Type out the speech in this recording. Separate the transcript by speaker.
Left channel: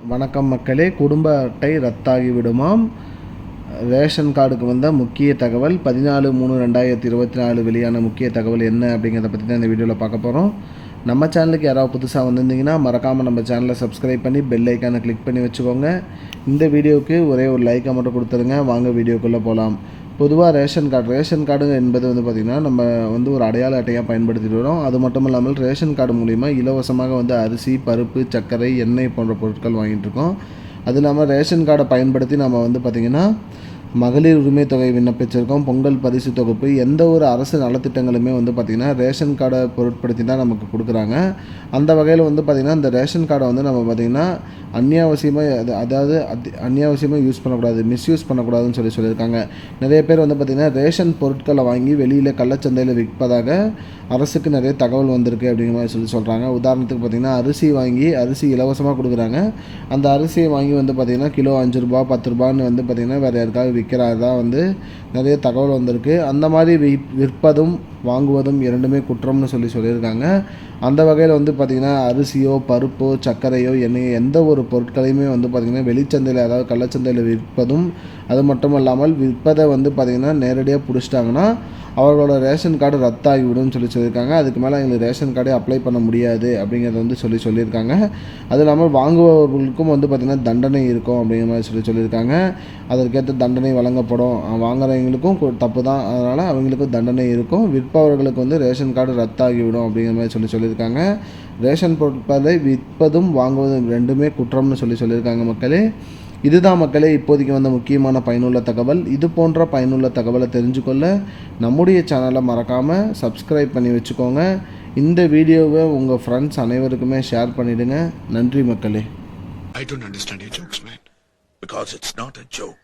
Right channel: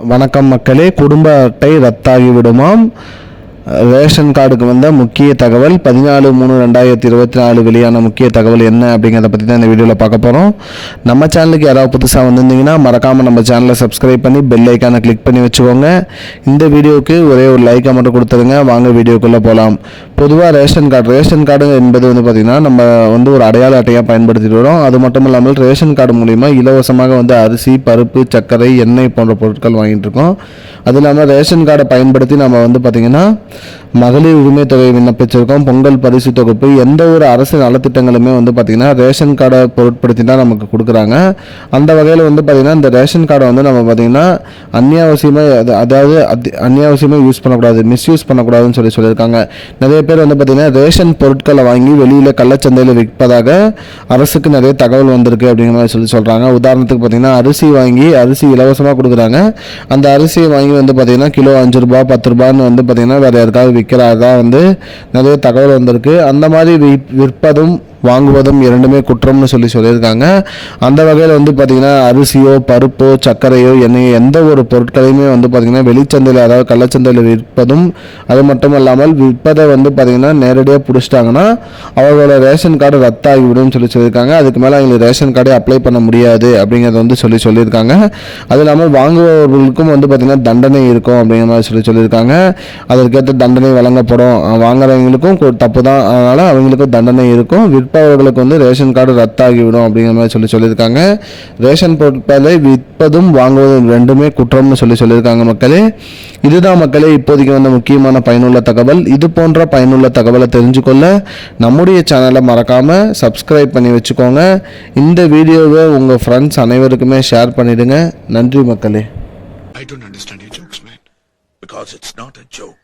Speaker 1: வணக்கம் மக்களே குடும்ப அட்டை ரத்தாகி விடுமாம் ரேஷன் கார்டுக்கு வந்த முக்கிய தகவல் பதினாலு மூணு ரெண்டாயிரத்தி இருபத்தி நாலு வெளியான முக்கிய தகவல் என்ன அப்படிங்கிறத பற்றி தான் இந்த வீடியோவில் பார்க்க போகிறோம் நம்ம சேனலுக்கு யாராவது புதுசாக வந்திருந்தீங்கன்னா மறக்காமல் நம்ம சேனலை சப்ஸ்கிரைப் பண்ணி பெல் ஐக்கானை கிளிக் பண்ணி வச்சுக்கோங்க. இந்த வீடியோவுக்கு ஒரே ஒரு லைக்கை மட்டும் கொடுத்துருங்க வாங்க வீடியோக்குள்ளே போகலாம் பொதுவாக ரேஷன் கார்டு ரேஷன் கார்டு என்பது வந்து பார்த்திங்கன்னா நம்ம வந்து ஒரு அடையாள அட்டையாக பயன்படுத்திட்டு வரோம். அது மட்டும் இல்லாமல் ரேஷன் கார்டு மூலிமா இலவசமாக வந்து அரிசி பருப்பு சர்க்கரை எண்ணெய் போன்ற பொருட்கள் வாங்கிட்டு இருக்கோம். அது இல்லாமல் ரேஷன் கார்டை பயன்படுத்தி நம்ம வந்து பார்த்திங்கன்னா மகளிர் உரிமை தொகை விண்ணப்பிச்சிருக்கோம். பொங்கல் பரிசு தொகுப்பு எந்த ஒரு அரசு நலத்திட்டங்களுமே வந்து பார்த்திங்கன்னா ரேஷன் கார்டை பொருட்படுத்தி தான் நமக்கு கொடுக்குறாங்க. அந்த வகையில் வந்து பார்த்திங்கன்னா இந்த ரேஷன் கார்டை வந்து நம்ம பார்த்திங்கன்னா அந்நியாவசியமாக அதாவது அந்நியாவசியமாக யூஸ் பண்ணக்கூடாது மிஸ்யூஸ் பண்ணக்கூடாதுன்னு சொல்லி சொல்லியிருக்காங்க. நிறைய பேர் வந்து பார்த்திங்கன்னா ரேஷன் பொருட்களை வாங்கி வெளியில் கள்ளச்சந்தையில் விற்பதாக அரசுக்கு நிறைய தகவல் வந்திருக்கு அப்படிங்கிற மாதிரி சொல்லி சொல்கிறாங்க உதாரணத்துக்கு பார்த்திங்கன்னா அரிசி வாங்கி அரிசி இலவசமாக கொடுக்குறாங்க. அந்த அரிசியை வாங்கி வந்து பார்த்திங்கன்னா கிலோ அஞ்சு ரூபா பத்து ரூபான்னு வந்து பார்த்திங்கன்னா வேறு யாருக்காவது விற்கிறதா வந்து நிறைய தகவல் வந்திருக்கு. அந்த மாதிரி வி- விற்பதும் வாங்குவதும் இரண்டுமே குற்றம்னு சொல்லி சொல்லியிருக்காங்க. அந்த வகையில் வந்து பார்த்திங்கன்னா அரிசியோ பருப்போ சர்க்கரையோ எண்ணெயோ எந்த ஒரு பொருட்களையுமே வந்து பார்த்திங்கன்னா வெளிச்சந்தையில் அதாவது கள்ளச்சந்தையில் விற்பதும் அது மட்டும் இல்லாமல் விற்பதை வந்து பார்த்திங்கன்னா நேரடியாக பிடிச்சிட்டாங்கன்னா அவங்களோட ரேஷன் கார்டு ரத்தாகிவிடும் சொல்லி சொல்லியிருக்காங்க. அதுக்கு மேலே அவங்களுக்கு ரேஷன் கார்டே அப்ளை பண்ண முடியாது அப்படிங்கிறத வந்து சொல்லி சொல்லியிருக்காங்க. அது இல்லாமல் வாங்குபவர்களுக்கும் வந்து பார்த்திங்கன்னா தண்டனை இருக்கும் அப்படிங்கிற மாதிரி சொல்லி சொல்லியிருக்காங்க. அதற்கேற்ற தண்டனை வழங்கப்படும். வாங்குறவங்களுக்கும் தப்பு தான் அதனால் அவங்களுக்கும் தண்டனை இருக்கும். விற்பவர்களுக்கு வந்து ரேஷன் கார்டு ரத்தாகிவிடும் அப்படிங்கிற மாதிரி சொல்லி சொல்லியிருக்காங்க. ரேஷன் பொருட்களை விற்பதும் வாங்குவதும் ரெண்டுமே குற்றம்னு சொல்லி சொல்லியிருக்காங்க மக்களே. இதுதான் மக்களே இப்போதைக்கு வந்த முக்கியமான பயனுள்ள தகவல். இது போன்ற பயனுள்ள தகவலை தெரிஞ்சுக்கொள்ள நம்முடைய சேனலை மறக்காமல் சப்ஸ்கிரைப் பண்ணி வச்சுக்கோங்க. இந்த வீடியோவை உங்கள் ஃப்ரெண்ட்ஸ் அனைவருக்குமே ஷேர் பண்ணிவிடுங்க நன்றி மக்களே.
Speaker 2: I don't understand your jokes, man. Because it's not a joke.